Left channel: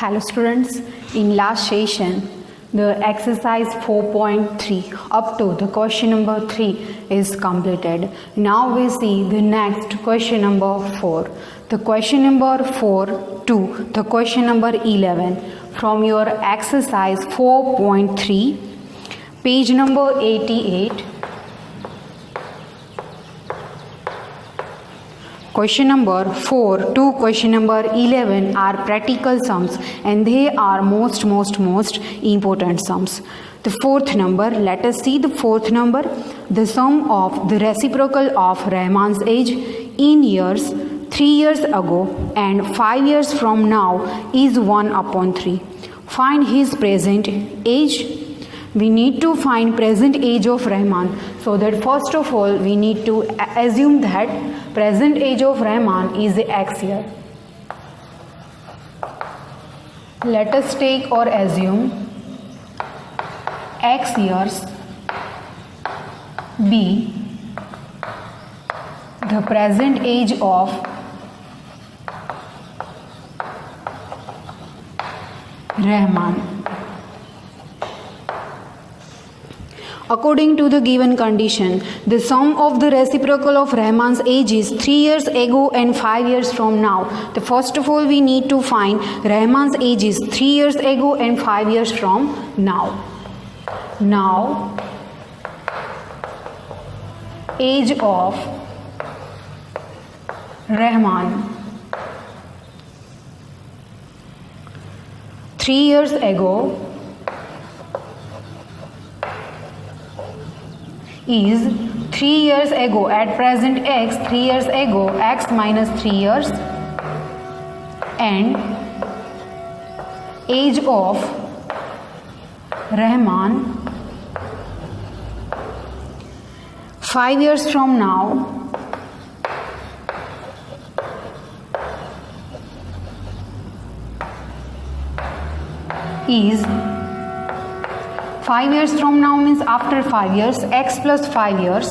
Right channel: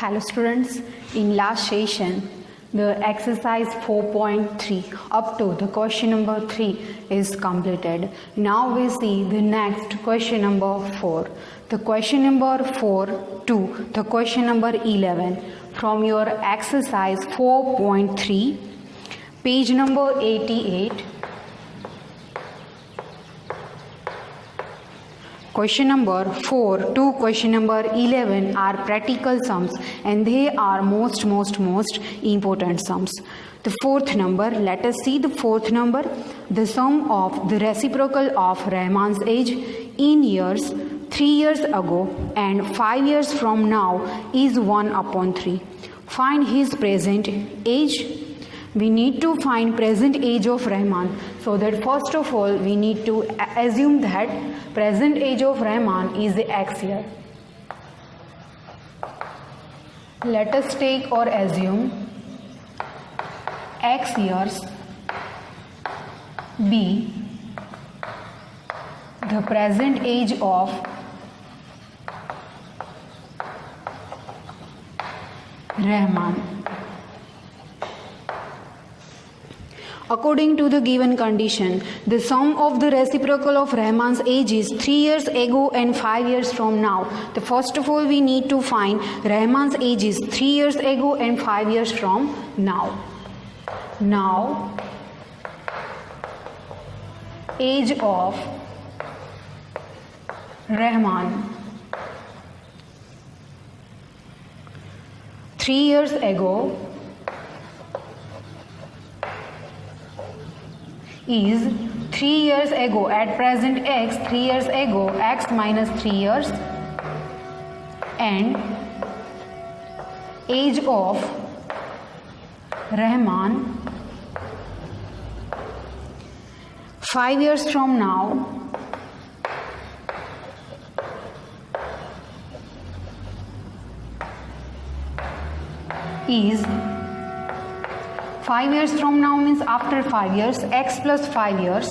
Hello students, in last session the exercise 4.3 up to the question number 3 is completed. Now we see the next question number 4. The question number 4 to the question number 11 from your exercise 4.3 page number 88. Question number 4 to question number 11 are practical sums and they are most important sums. The fourth number, let us see the fourth number. The sum of the reciprocal of Rahman's age in years 3 years ago and 5 years from now is 1/3. Find his present age. We need to find present age of Rahman. So that first of all we need to assume that present age of Rahman is X year. Let us take or assume X years be the present age of Rahman. According to the given condition, the sum of the reciprocal of Rahman's age is 3 years ago and 5 years from now. The first of all we need to find Rahman's age is 3 years ago and 5 years from now. Now, age of Rahman 3 years ago is 3 years ago. At present X, 3 years ago, X minus 3 years, and age of Rahman 5 years from now is 5 years from now means after 5 years, X plus 5 years.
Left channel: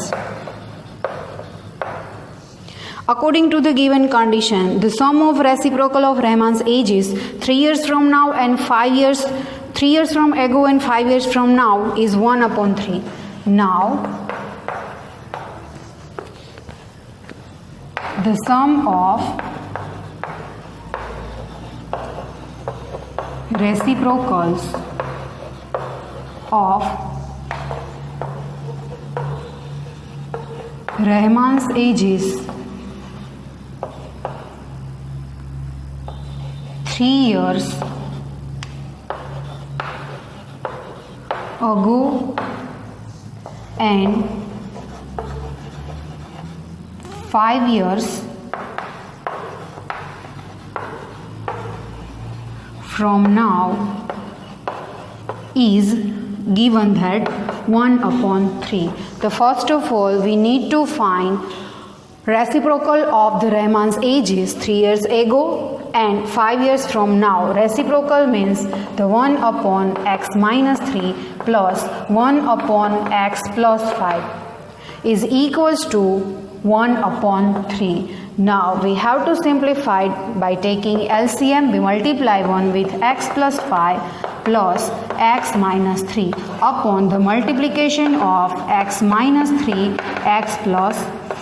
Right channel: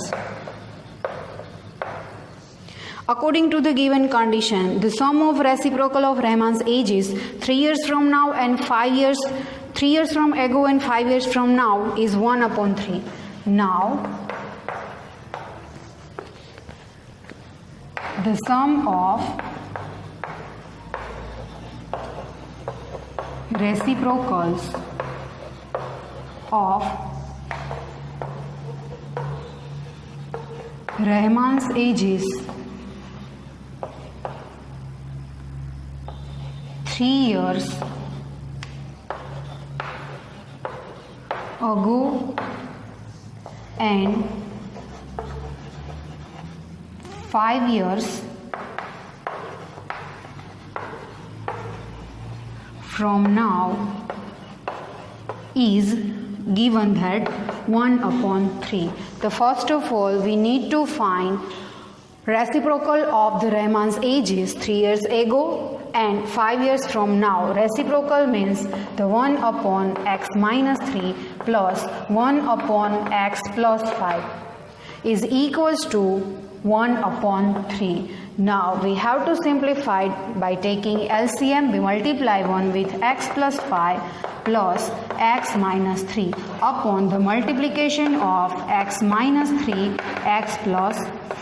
According to the given condition, the sum of reciprocal of Rahman's age is 3 years from now and 5 years, 3 years from ago and 5 years from now is 1/3. Now, the sum of reciprocals of Rahman's ages 3 years ago and 5 years from now is given that 1/3. The first of all we need to find reciprocal of the Rahman's age is 3 years ago and 5 years from now. Reciprocal means the 1/x minus 3 plus 1/x plus 5 is equals to 1/3. Now we have to simplify by taking LCM. We multiply 1 with x plus 5 plus x minus 3 upon the multiplication of x minus 3 x plus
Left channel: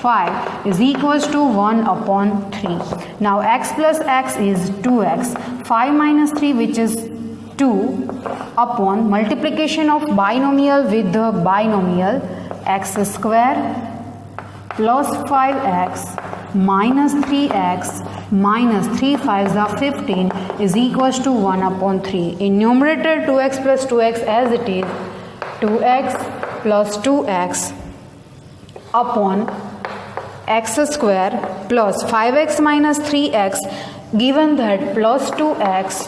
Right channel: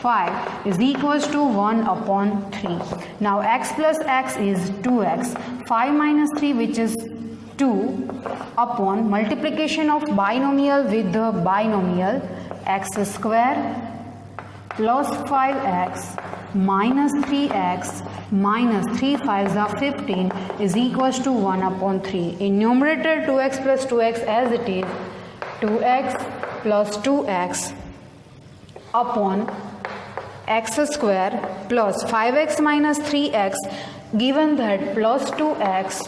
5 is equals to 1/3. Now x plus x is 2x. 5 minus 3 which is 2 upon multiplication of binomial with the binomial x square plus 5x minus 3x minus 3 5s are 15 is equals to 1/3. In numerator 2x plus 2x as it is 2x plus 2x upon x square plus 5x minus 3x given that plus 2x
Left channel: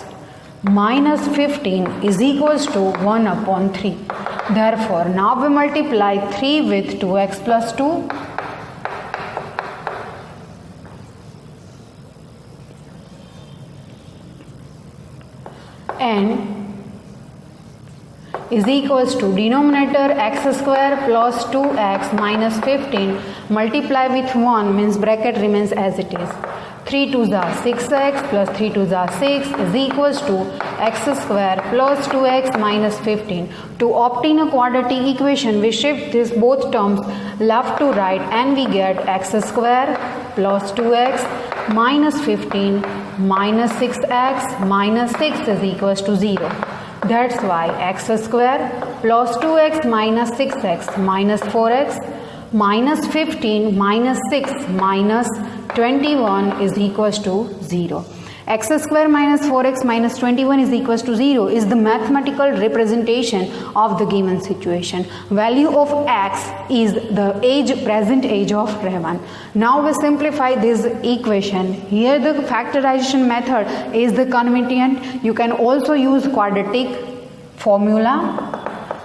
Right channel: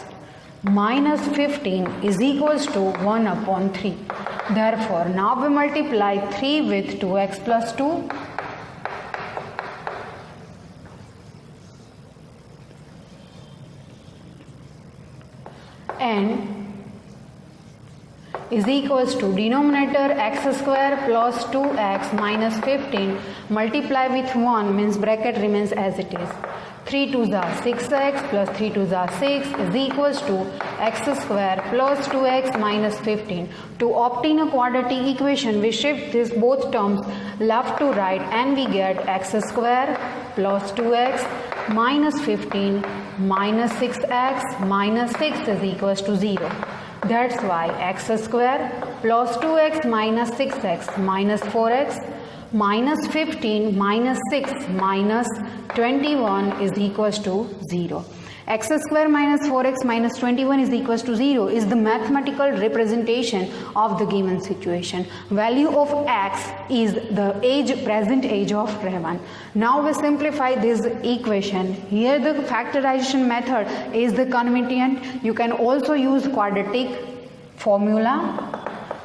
minus 15 is equals to 1/3. Therefore, now we multiply 3 with 2x plus 2 and is equals to denominator x square plus 2x minus 15 multiply with 1 means bracket remains as it is. 3 2s are 6x plus 3 2s are 6 is equals to x square plus 2x minus 15. To obtain a quadratic equation, we shift these both terms left to right and we get x square plus 2x minus 15 minus 6x minus 6 is equals to 0. That's why x square plus 2x minus 6x minus 4x minus 15 minus 6 minus 21 is equals to 0. X square minus 4x minus 21 is equals to 0 is the mathematical representation of the given situation. Value of x is the present age of Rahman. Now we simplify this equation. Here the factorization method is the convenient. You can also use quadratic formula.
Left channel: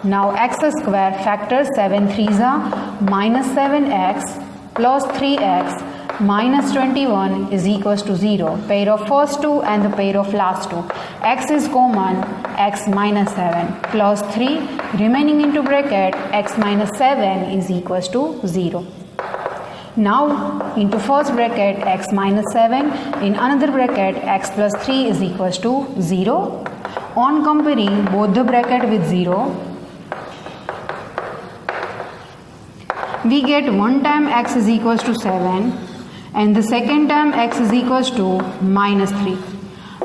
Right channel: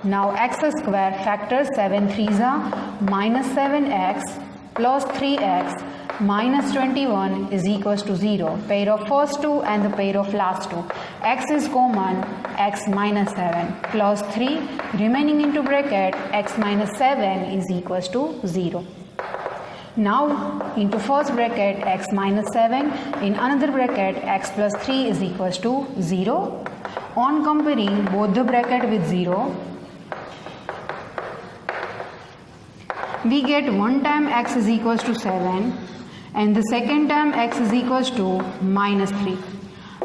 Now x square factor 7 3s are minus 7x plus 3x minus 21 is equals to 0. Pair of first two and the pair of last two. X is common, x minus 7 plus 3 remaining into bracket x minus 7 is equals to 0. Now into first bracket x minus 7, in another bracket x plus 3 is equals to 0. On comparing both the bracket with 0, we get one time x is equals to 7 and the second time x is equals to minus 3.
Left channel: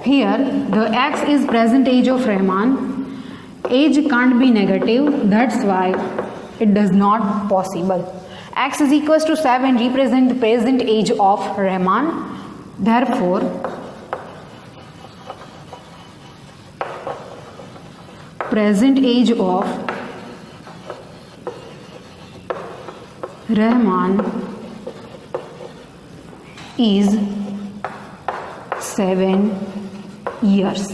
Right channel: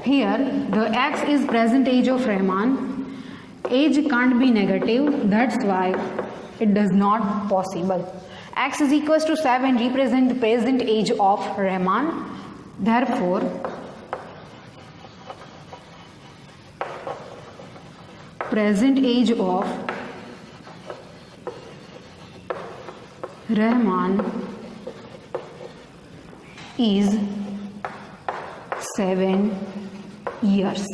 Here the x is present age of Rahman. Age can't be negative, that's why it does not possible. X is equals to 7 represent the present age of Rahman. Therefore, present age of Rahman is 7 years.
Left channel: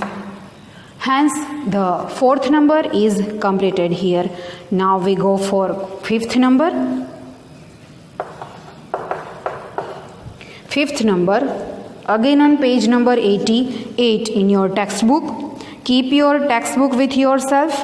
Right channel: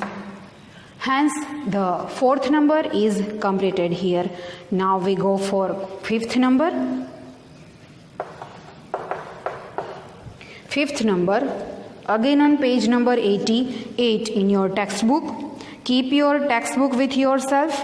Hence, the fourth number is completed here. Now we go for fifth number. Fifth number, again on page number 88 in your textbook. Keep your textbook with yourself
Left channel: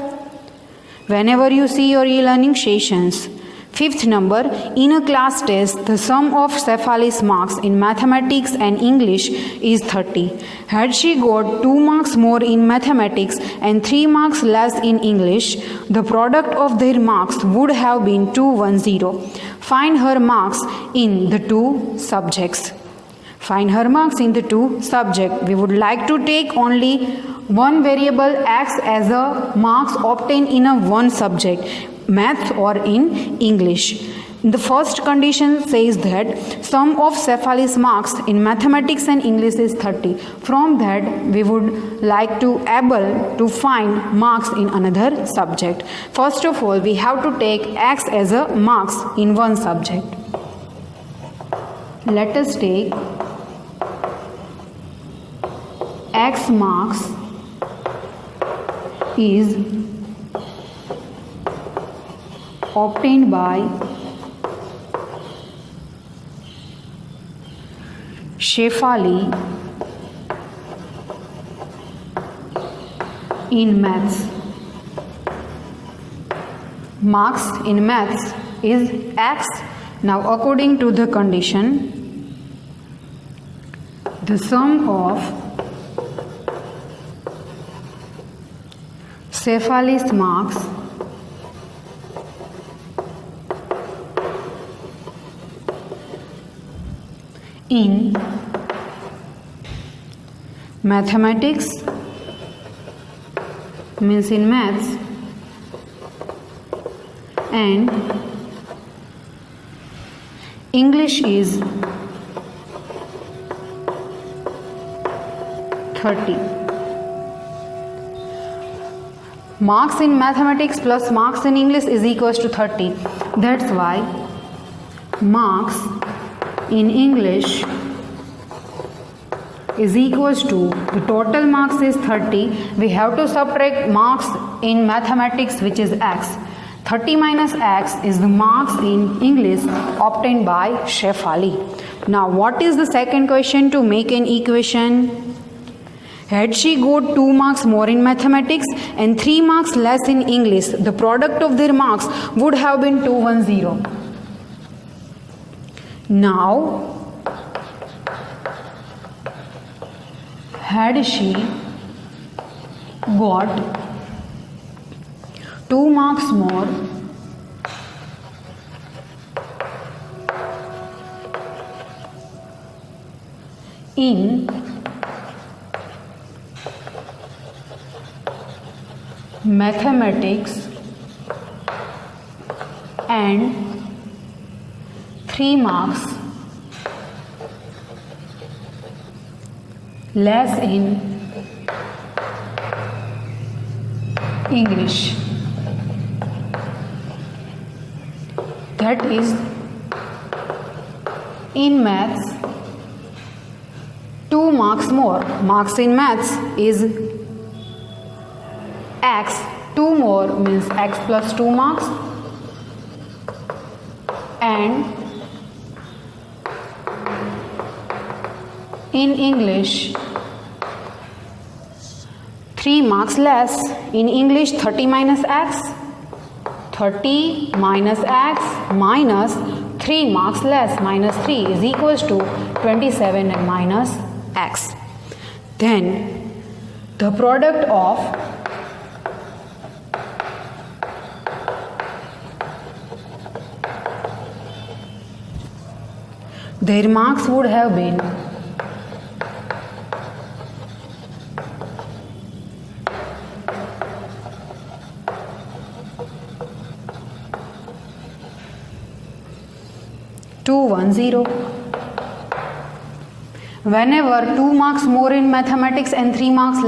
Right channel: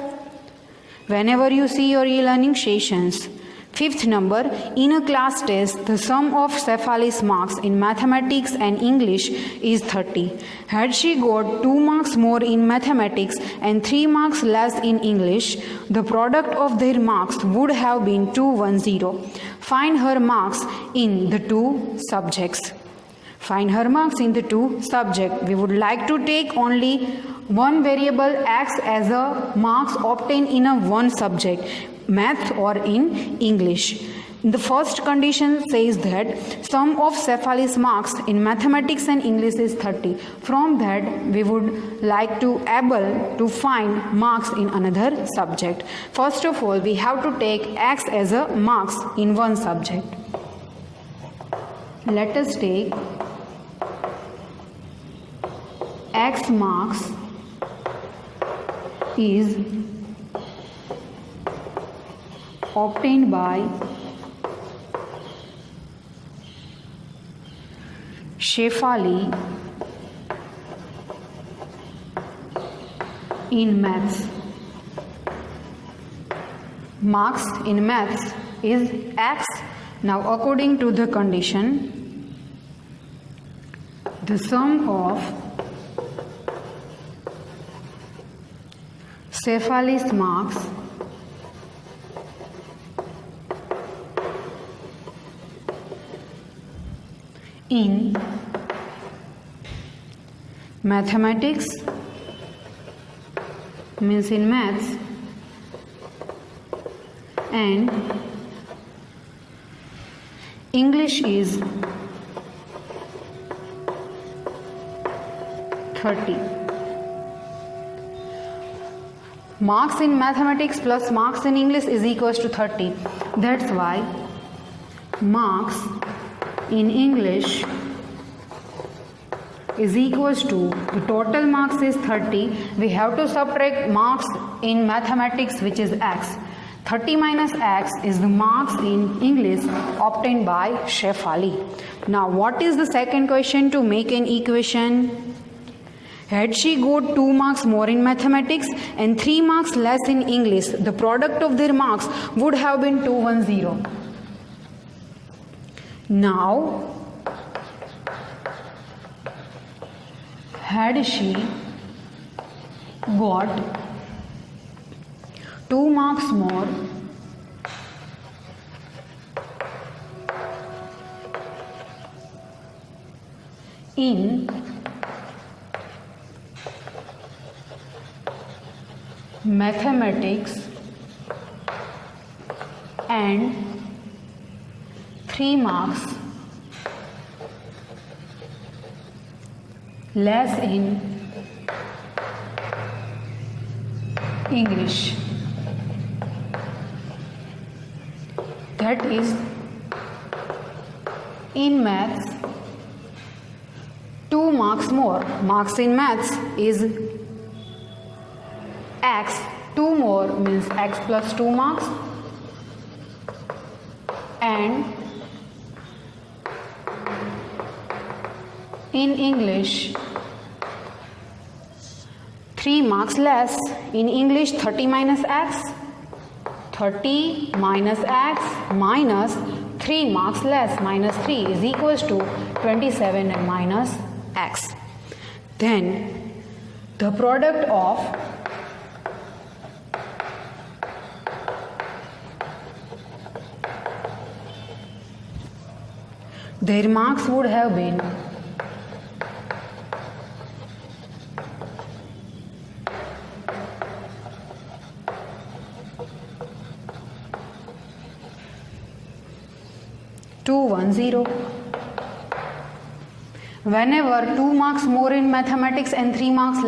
whenever you see your e-learning sessions. Fifth number, in a class test, the sum of Shefali's marks in mathematics and English is 30. Had she got 2 marks more in mathematics and 3 marks less in English, the product of their marks would have been 210. Find her marks in the 2 subjects. Find her marks in the 2 subjects. We would like to take only one variable x as a marks obtained in a one subject, math or in English. The first condition says that sum of Shefali's marks in mathematics and English is 30. From that, we would like to able to find marks in another subject. First of all, we have to take x as a marks in one subject. Let us take x marks is obtained by Shefali in maths. Marks in maths is x. Now according to the condition, the sum of Shefali's marks in mathematics means in maths and English is 30. Marks in mathematics plus marks in English is equals to 30. That's why marks in English is equals to the total marks is 30. We have to subtract marks in mathematics, which is x. 30 minus x is the marks in English obtained by Shefali. Now what is the second question to make an equation? Had she got 2 marks more in mathematics and 3 marks less in English, the product of their marks would have been 210. Now, had she got 2 marks more in mathematics and 3 marks less in English. That is, in maths 2 marks more. Marks in maths is x. 2 more means x plus 2 marks, and in English 3 marks less. In English 30 minus x. 30 minus x minus 3 marks less, minus 3 is equals to 27 and minus x. Then the product of their marks would have been 210. Whenever 2 marks more in mathematics and 3 marks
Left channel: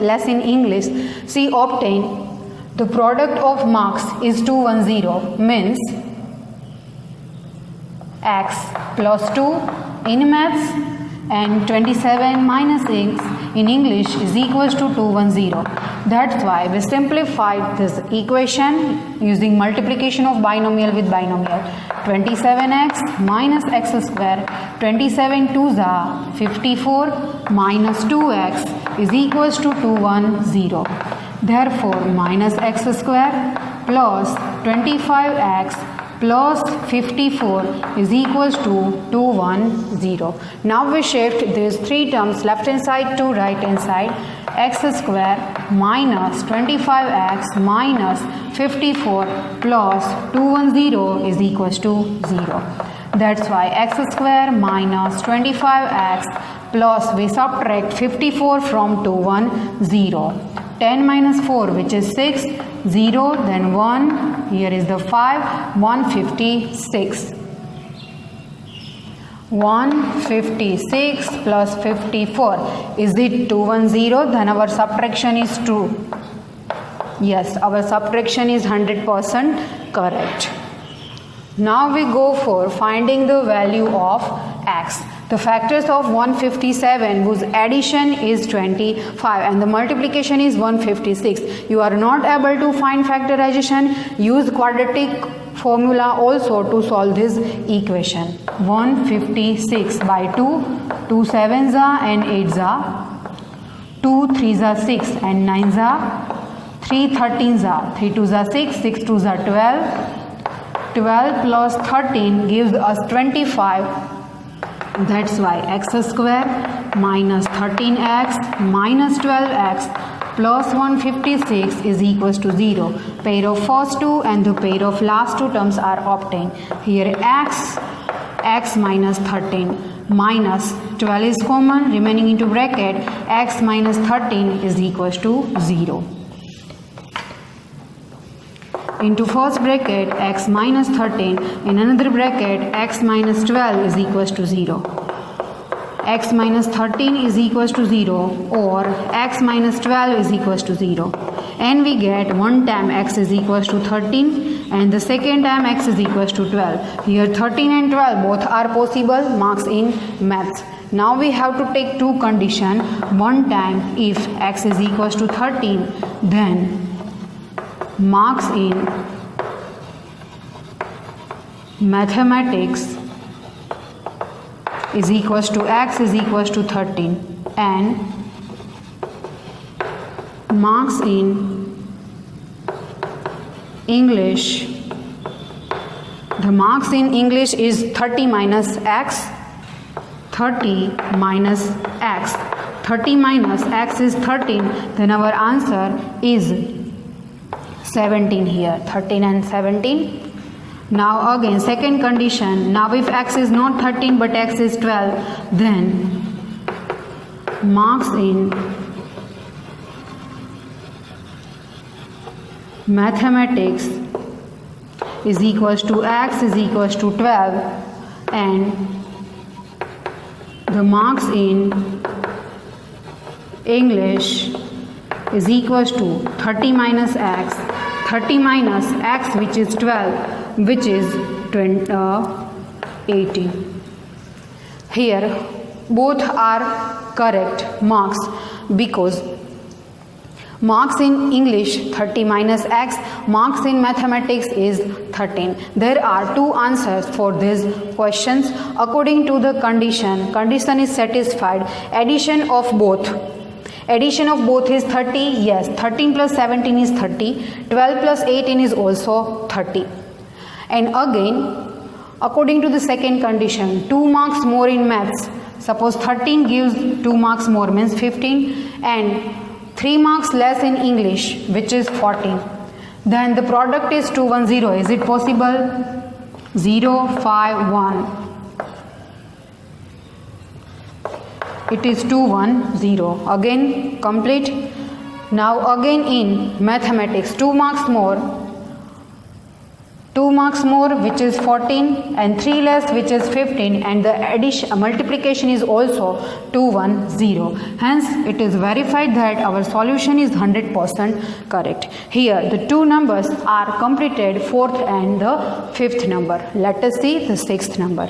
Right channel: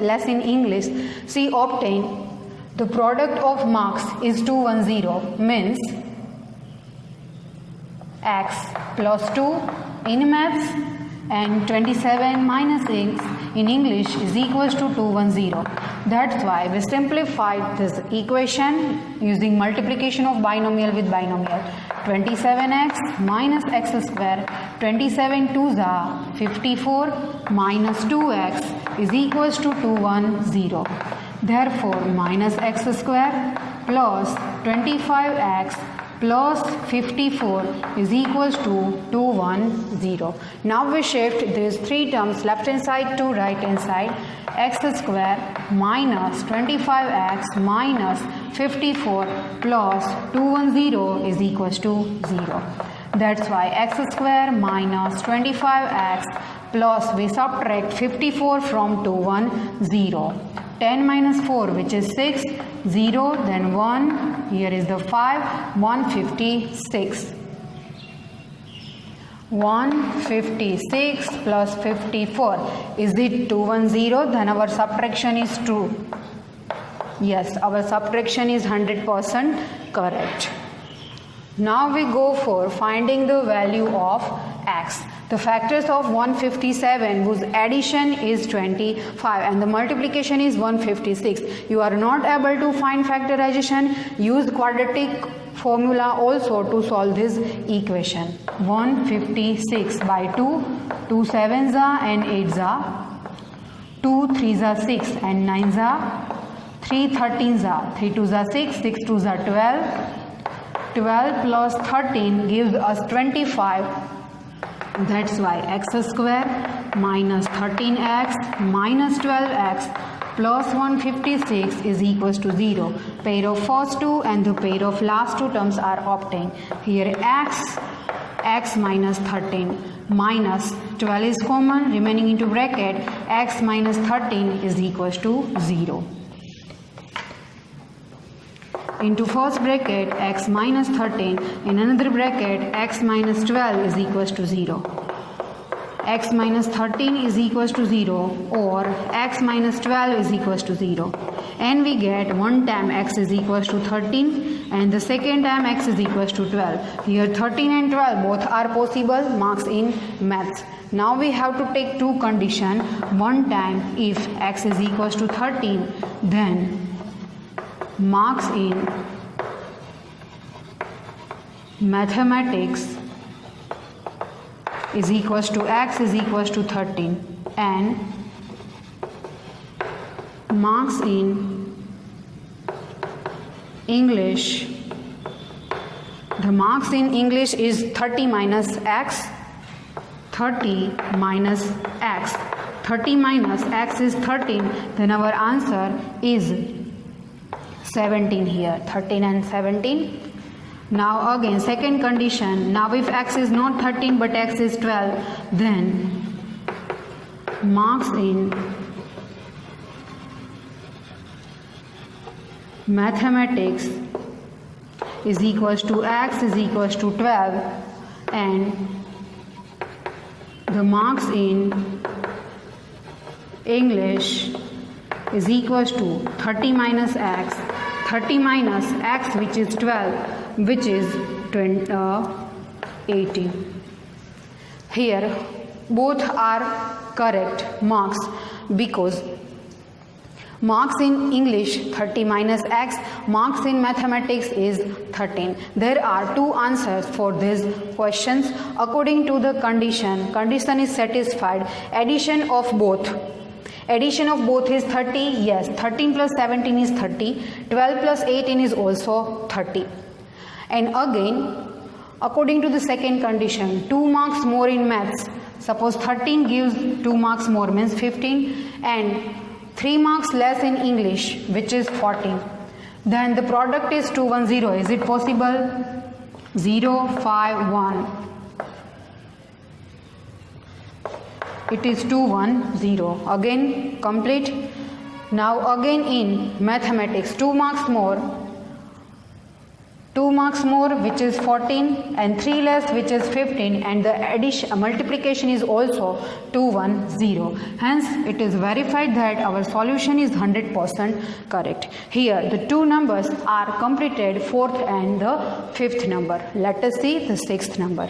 less in English, she obtained the product of marks is 210, means x plus 2 in maths and 27 minus x in English is equals to 210. That's why we simplified this equation using multiplication of binomial with binomial. 27x minus x square, 27 2s are 54 minus 2x is equals to 210. Therefore, minus x square plus 25x plus 54 is equals to 210. Now we shift these 3 terms left hand side to right hand side. X square minus 25x minus 54 plus 210 is equals to 0. That's why x square minus 25x plus we subtract 54 from 210. 10 minus 4, which is 6, 0, then 1, here is the 5, 156. 156 plus 54, is it 210? Then our subtraction is true. Yes, our subtraction is 100% correct. Now we go for finding the value of x. The factors of 157 whose addition is 25 and the multiplication is 156. You are not able to find factorization, use quadratic formula also to solve this equation. 156 by 2, 2 7s are and 8s are, 2 3s are 6 and 9s are, 3 13s are, 3 2s are 6, 6 2s are 12. 12 plus 13 gives us 25. That's why x square minus 13x minus 12x plus 156 is equals to 0. Pair of first two and the pair of last two terms are obtained. Here x minus 13 minus 12 is common, remaining into bracket x minus 13 is equals to 0. Into first bracket x minus 13, in another bracket x minus 12 is equals to 0. X minus 13 is equals to 0 or x minus 12 is equals to 0. And we get one time x is equals to 13 and the second time x is equals to 12. Here 13 and 12 both are possible marks in maths. Now we have to take two conditions. One time if x is equals to 13, then marks in mathematics is equals to x is equals to 13 and marks in English, the marks in English is 30 minus x, 30 minus x. 30 minus x is 13, then our answer is 17 here. 13 and 17. Now again second condition. Now if x is not 13 but x is 12, then marks in mathematics is equals to x is equals to 12, and the marks in English is equals to 30 minus x which is 12, which is 18. Here both are correct marks, because marks in English 30 minus x, marks in mathematics is 13. There are two answers for these questions according to the condition. Condition is satisfied. Addition of both is 30. Yes, 13 plus 17 is 30. 12 plus 18 is also 30. And again, according to the second condition, 2 marks more in maths. Suppose 13 gives 2 marks more, means 15, and 3 marks less in English, which is 14. Then the product is 210. Is it possible? 0, 5, 1. It is 210. Again complete. Now again in mathematics, 2 marks more, which is 14, and 3 less, which is 15, and the multiplication is also 210. Hence it is verified that our solution is 100% correct. Here the two numbers are completed, 4th and the 5th number. Let us see the 6th number.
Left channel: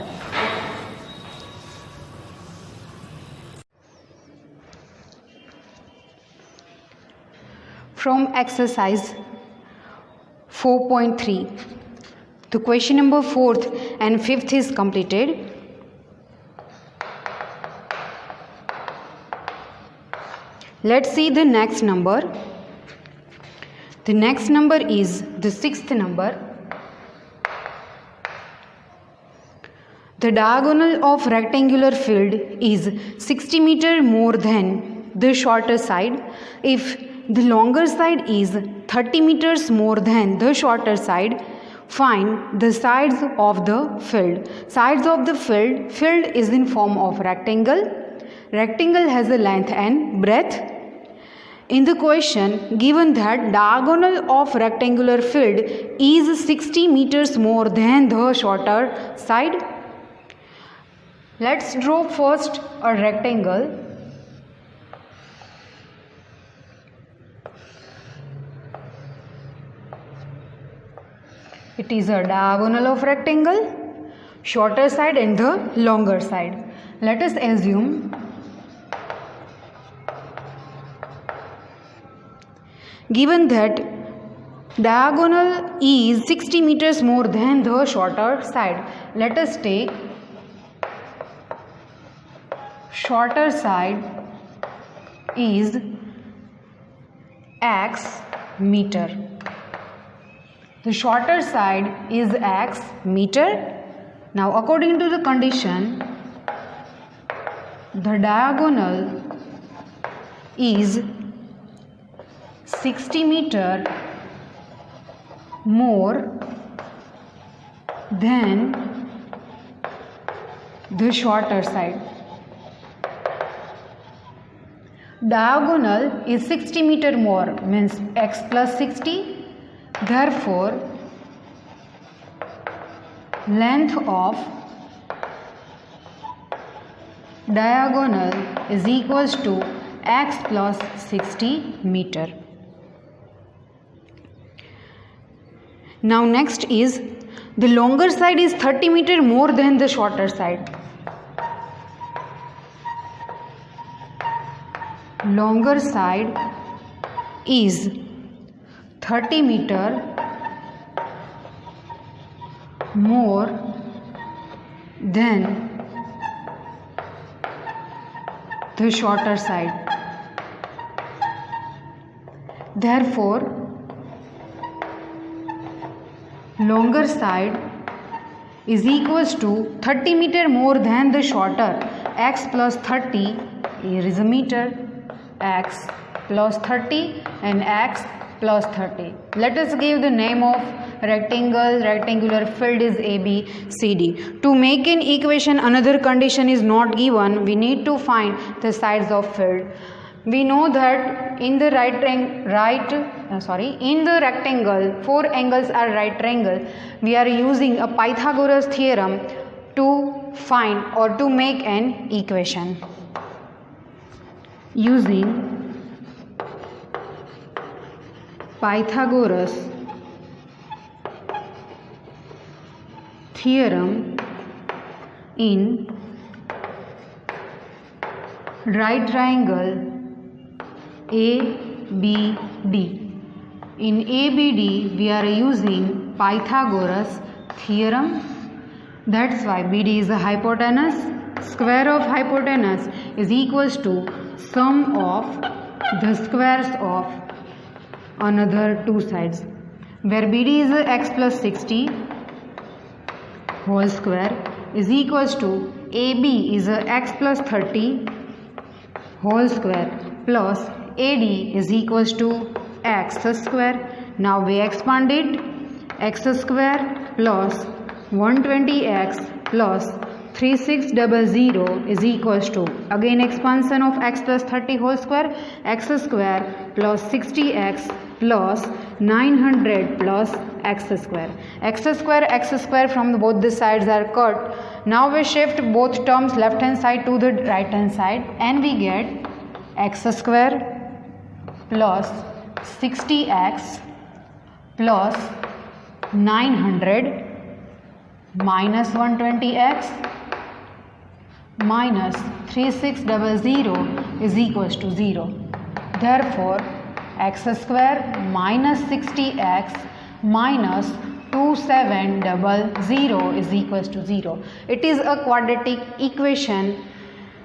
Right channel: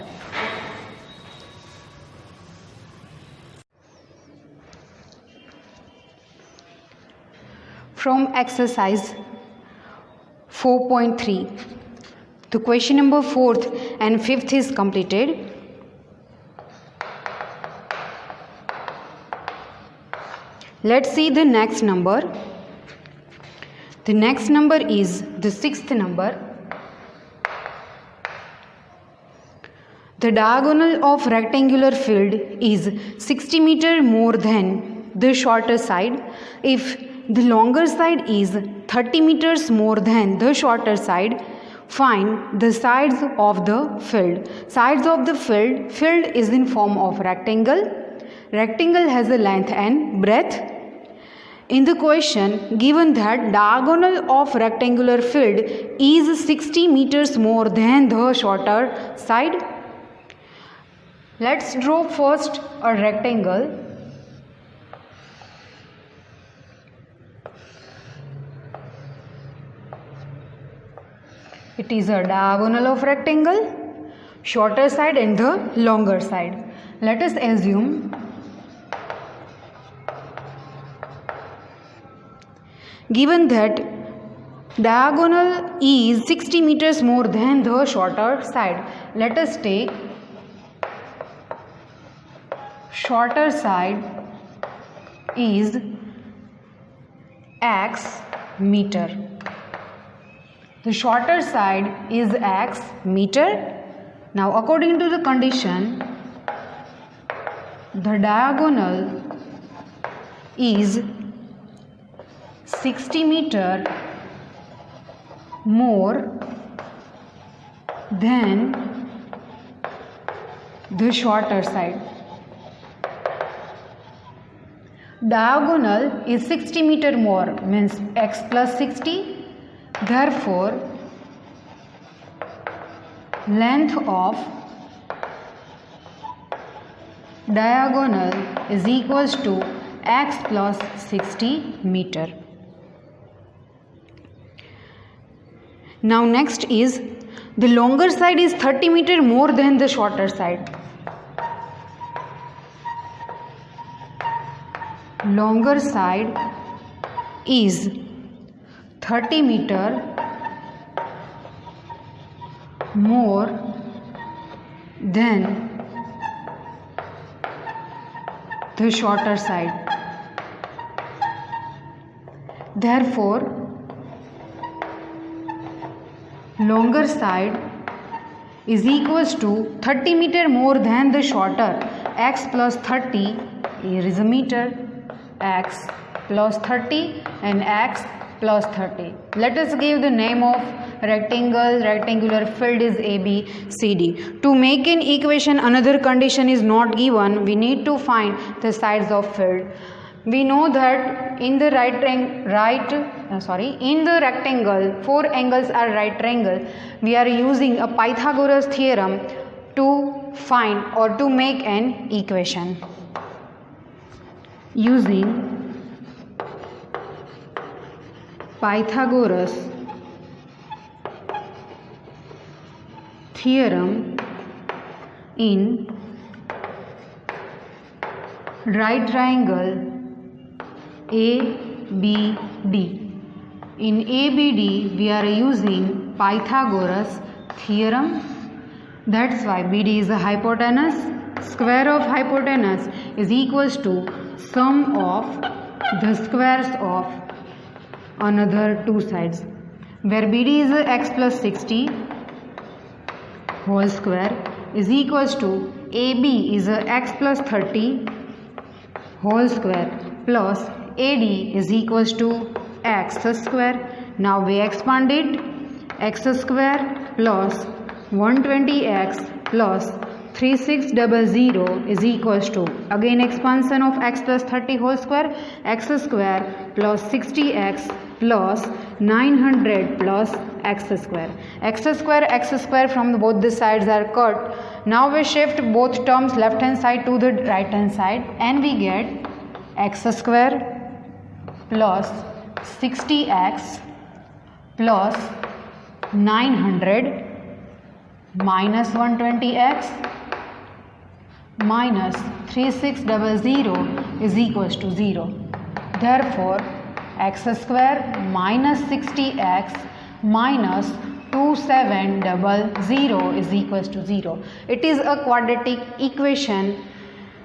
From exercise 4.3, the question number 4th and 5th is completed. Let's see the next number. The next number is the 6th number. The diagonal of rectangular field is 60 meter more than the shorter side. If the longer side is 30 meters more than the shorter side, find the sides of the field. Sides of the field is in form of rectangle. Rectangle has a length and breadth. In the question given that diagonal of rectangular field is 60 meters more than the shorter side. Let's draw first a rectangle. It is a diagonal of rectangle, shorter side and the longer side. Let us assume given that diagonal is 60 meters more than the shorter side. Let us take shorter side is x meter. The shorter side is x meter. Now according to the condition, the diagonal is 60 meter more than the shorter side. Diagonal is 60 meter more, means x plus 60. Therefore, length of diagonal is equals to x plus 60 meter. Now next is the longer side is 30 meter more than the shorter side. Longer side is 30 meter more than the shorter side. Therefore, longer side is equals to 30 meter more than the shorter. X plus 30 Here is a meter, x plus 30 and x plus 30. Let us give the name of rectangular field is ABCD. To make an equation, another condition is not given. We need to find the sides of field. We know that in the in the rectangle, 4 angles are right triangle. We are using a Pythagoras theorem to find or to make an equation. Using Pythagoras theorem in right triangle ABD. In ABD we are using Pythagoras theorem. That's why BD is a hypotenuse. Square of hypotenuse is equals to sum of the squares of another two sides, where BD is x plus 60 whole square is equals to AB is x plus 30 whole square plus AD is equals to x square. Now we expand it, x square plus 120x plus 3600 is equals to, again expansion of x plus 30 whole square, x square plus 60x plus 900 plus x square from both the sides are cut. Now we shift both terms left hand side to the right hand side and we get x square plus 60x plus 900 minus 120x minus 3600 is equals to 0. Therefore, x square minus 60x minus 2700 is equals to 0. It is a quadratic equation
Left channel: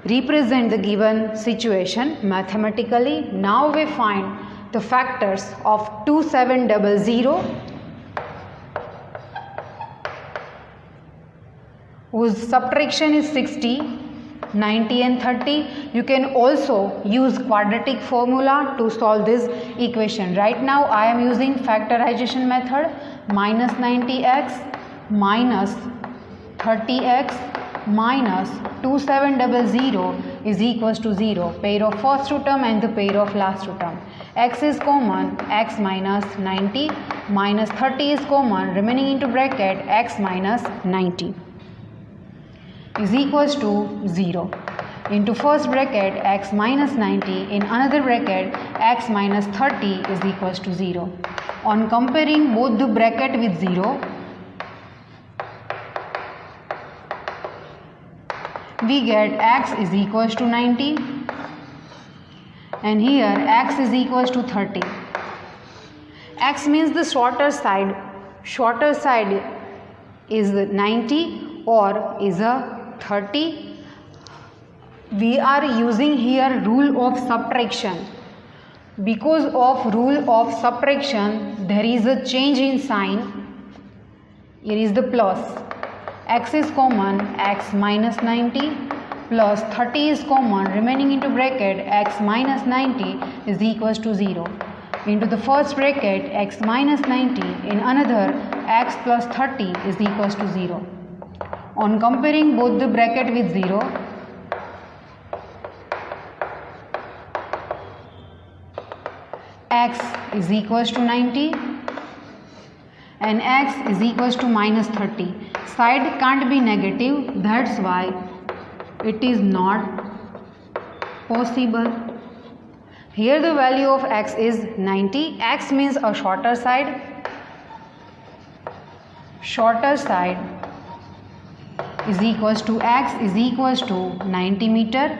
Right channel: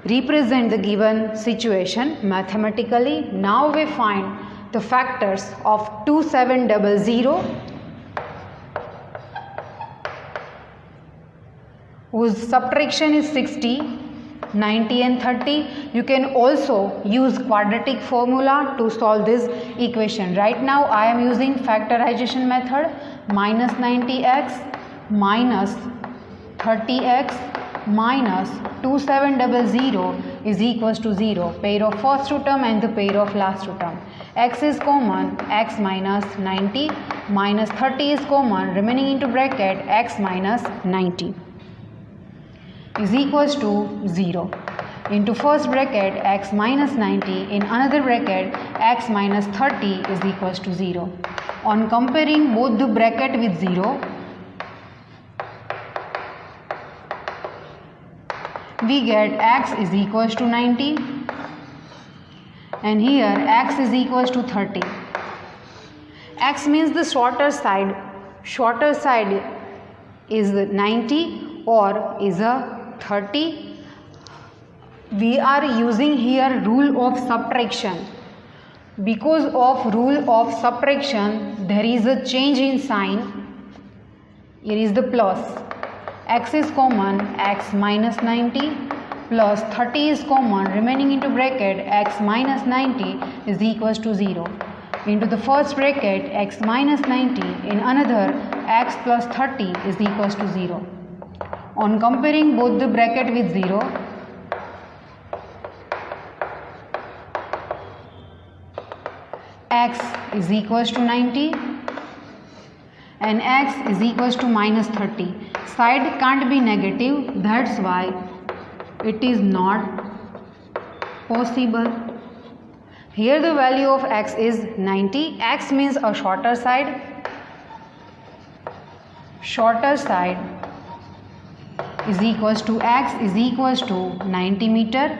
represent the given situation mathematically. Now we find the factors of 2700 whose subtraction is 60, 90 and 30. You can also use quadratic formula to solve this equation. Right now I am using factorization method. Minus 90x minus 30x minus 2700 is equals to 0. Pair of first two term and the pair of last two term. X is common, x minus 90 minus 30 is common, remaining into bracket x minus 90 is equals to 0. Into first bracket x minus 90, in another bracket x minus 30 is equals to 0. On comparing both the bracket with 0, we get x is equals to 90 and here x is equals to 30. X means the shorter side is 90 or is a 30. We are using here rule of subtraction. Because of rule of subtraction there is a change in sign. Here is the plus. X is common, x minus 90 plus 30 is common, remaining into bracket x minus 90 is equals to 0. Into the first bracket x minus 90, in another x plus 30 is equals to 0. On comparing both the bracket with 0, x is equals to 90 and x is equals to minus 30. Side can't be negative, that's why it is not possible. Here the value of x is 90. X means a shorter side. Shorter side is equals to x is equals to 90 meter,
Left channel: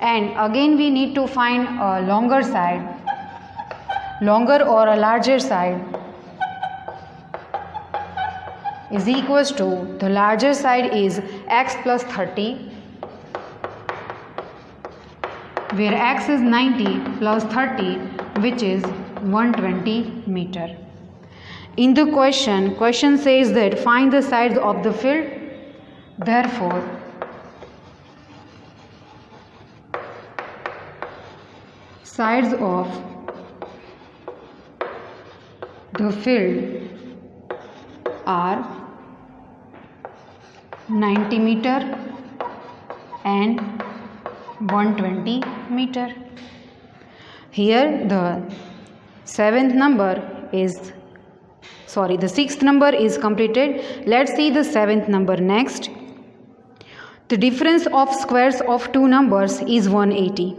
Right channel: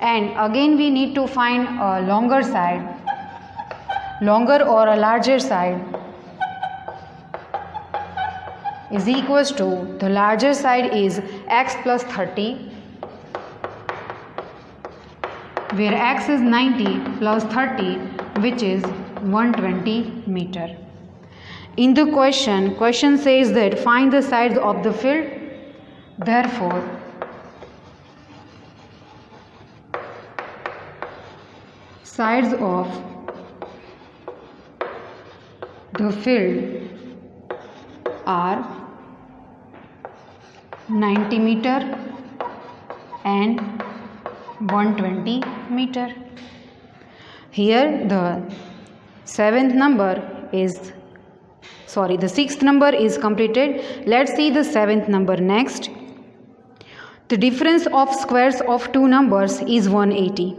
and again we need to find a longer side, longer or a larger side is equals to, the larger side is x plus 30, where x is 90 plus 30, which is 120 meter. In the question says that find the sides of the field. Therefore, sides of the field are 90 meter and 120 meter. Here the sixth number is completed. Let's see the seventh number next. The difference of squares of two numbers is 180.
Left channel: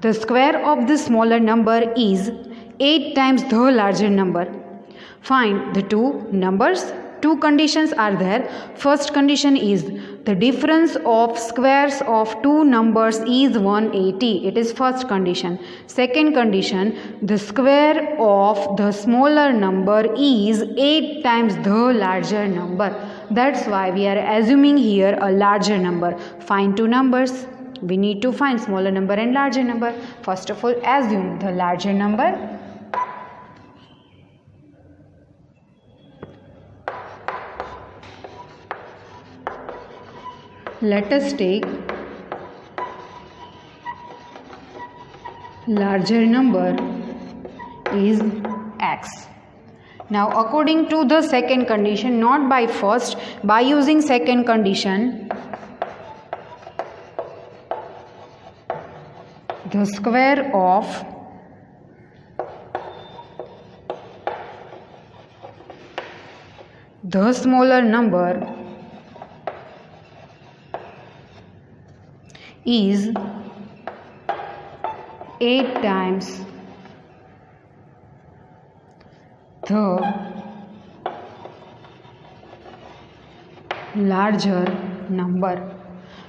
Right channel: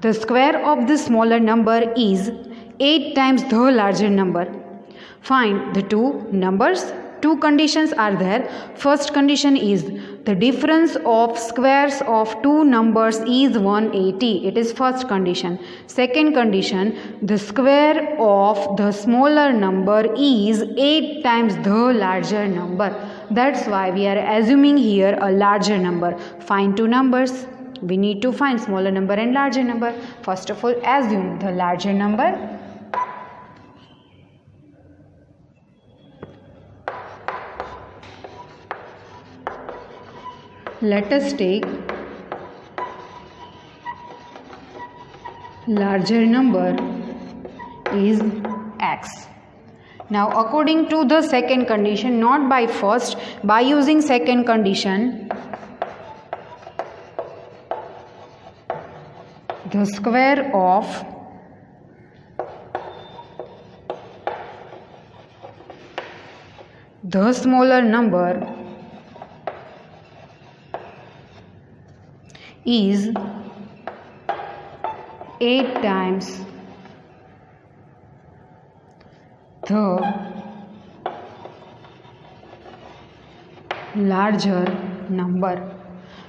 The square of the smaller number is 8 times the larger number. Find the two numbers. Two conditions are there. First condition is the difference of squares of two numbers is 180. It is first condition. Second condition, the square of the smaller number is 8 times the larger number. That's why we are assuming here a larger number. Find two numbers. We need to find smaller number and larger number. First of all, assume the larger number. Let us take larger number is x. Now according to the second condition, not by first, by using second condition, the square of the smaller number is 8 times the larger number.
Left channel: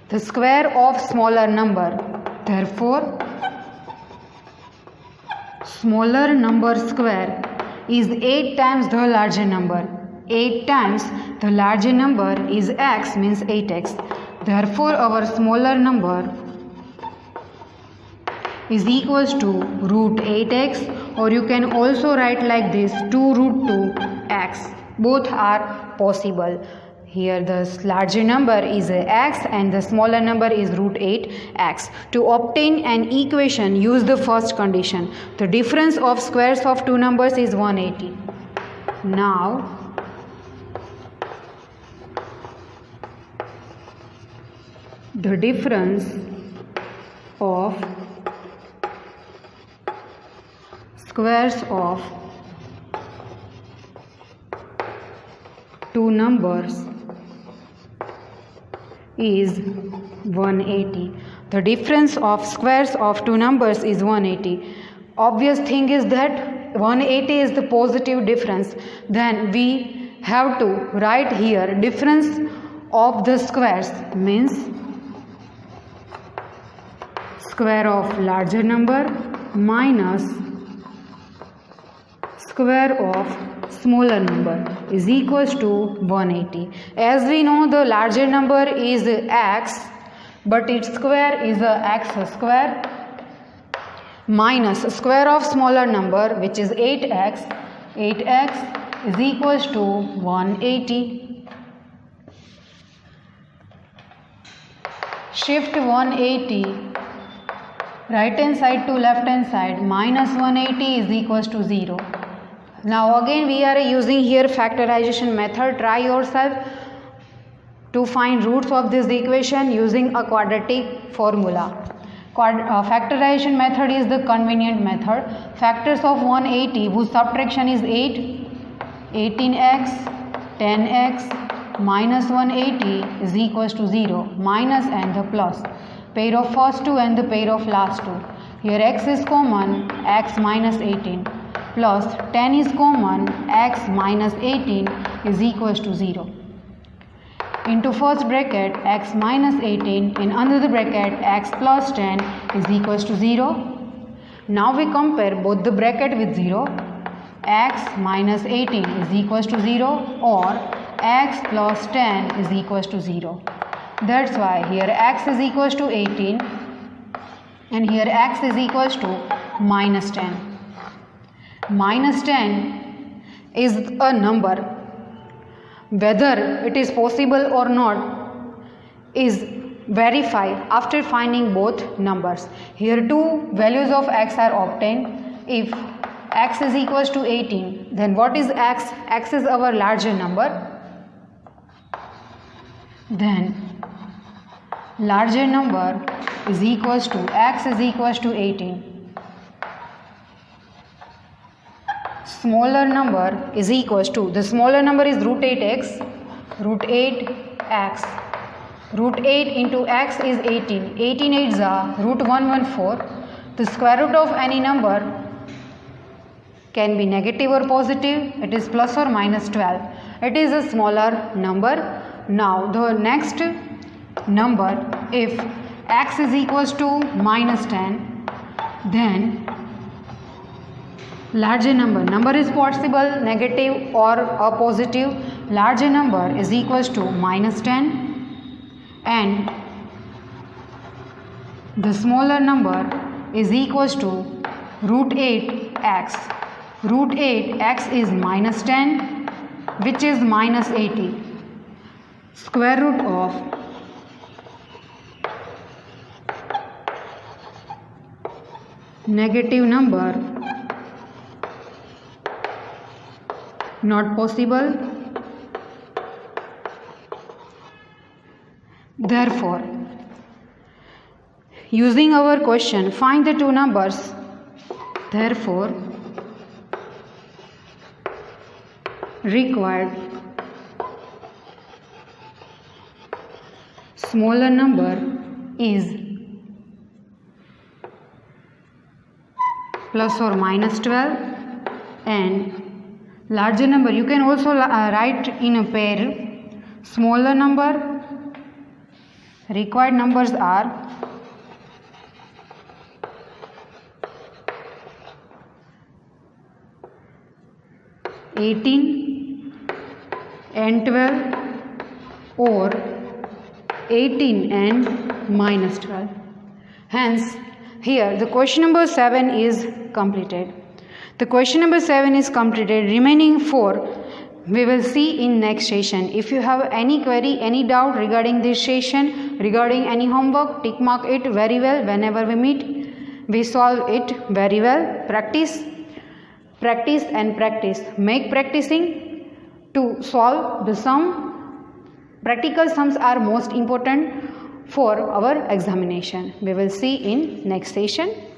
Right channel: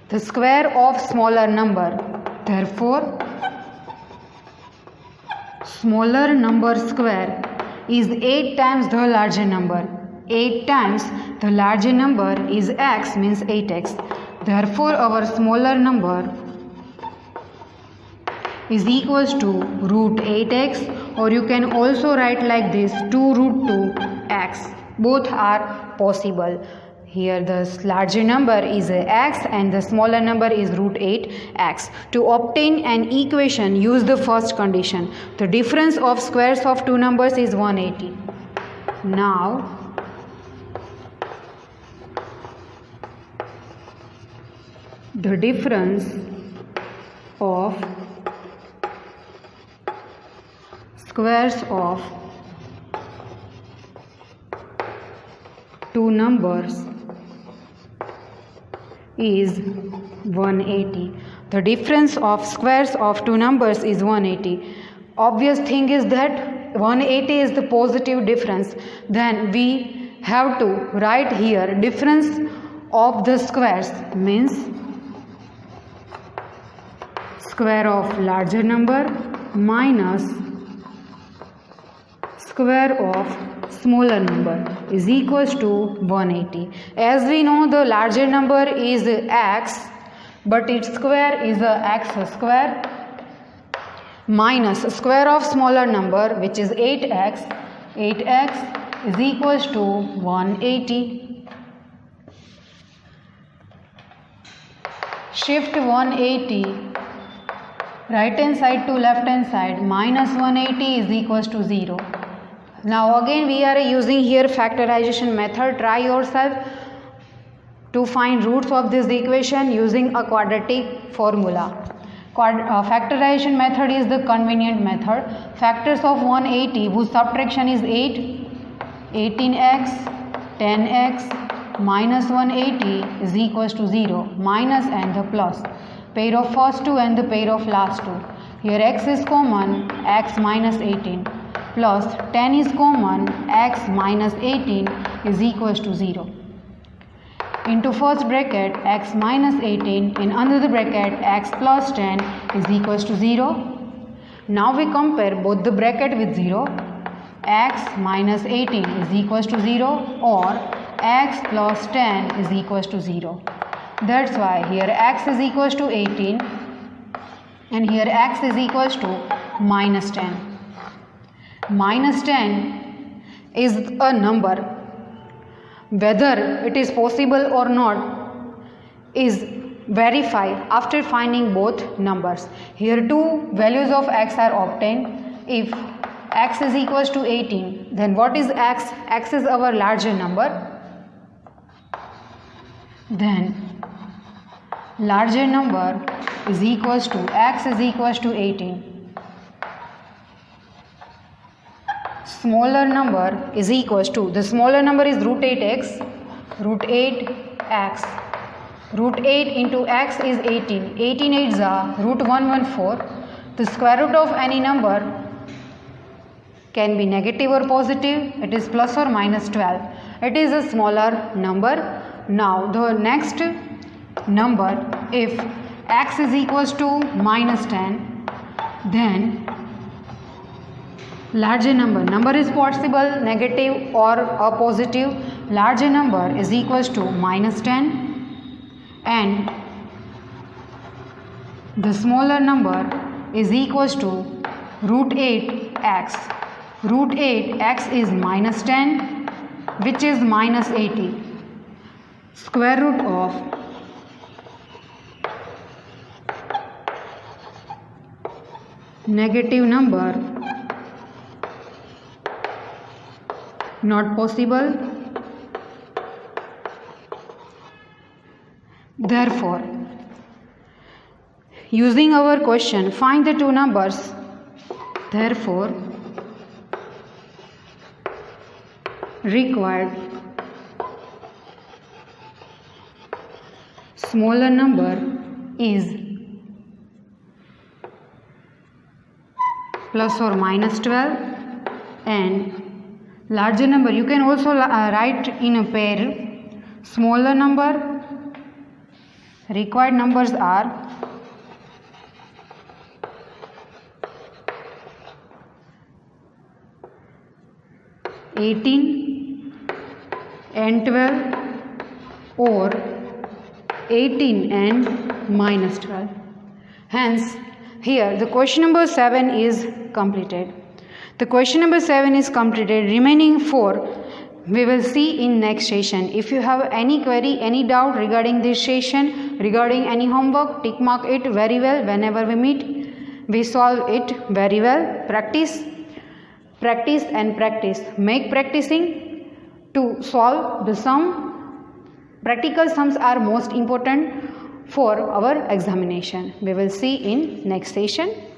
The square of smaller number. Therefore, smaller number square is 8 times the larger number. 8 times the larger number is x, means 8x. Therefore, our smaller number is equals to root 8x, or you can also write like this 2 root 2x. Both are possible. Here the larger number is x and the smaller number is root 8x. To obtain an equation, use the first condition. The difference of squares of two numbers is 180. Now, the difference of squares of two numbers is 180. The difference of squares of two numbers is 180. Obvious thing is that 180 is the positive difference. Then we have to write here difference of the squares, means square of larger number minus square of smaller number is equals to 180. As we know, the larger number is x, but its square is x square minus square of smaller number, which is 8x. 8x is equals to 180. Shift 180 right hand side to left hand side. Minus 180 is equals to 0. Now again we are using here factorization method. Try yourself to find roots of this equation using a quadratic formula. Factorization method is the convenient method. Factors of 180 whose subtraction is 8, 18x, 10x, minus 180 is equals to 0. Minus and the plus. Pair of first two and the pair of last two. Here x is common, x minus 18, plus 10 is common, x minus 18 is equals to 0. Into first bracket x minus 18, in another bracket x plus 10 is equals to 0. Now we compare both the bracket with 0. X minus 18 is equals to 0, or x plus 10 is equals to 0. That's why here x is equals to 18 and here x is equals to minus 10. Minus 10 is a number. Whether it is possible or not is verify after finding both numbers. Here two values of x are obtained. If x is equals to 18, then what is x? X is our larger number. Then larger number is equals to x is equals to 18. Smaller number is equals to, the smaller number is root 8x, root 8x. Root 8 into x is 18. 18 8s are root 114. The square root of any number can be negative or positive. It is plus or minus 12. It is a smaller number. Now the next number, if x is equals to minus 10, then larger number is possible negative or a positive. Larger number is equals to minus 10 and the smaller number is equals to root 8x. Root 8x is minus 10, which is minus 80. Square root of negative number not possible. Therefore, using our question, find the two numbers. Therefore, required smaller number is plus or minus 12 and larger number you can also write in a pair. Smaller number, required numbers are (18) and 12 or 18 and minus 12. Hence, here the question number 7 is completed. The question number 7 is completed. Remaining 4 we will see in next session. If you have any query, any doubt regarding this session, regarding any homework, tick mark it very well. Whenever we meet, we solve it very well. Practice and practice. Make practicing to solve the sum. Practical sums are most important for our examination. We will see in next session.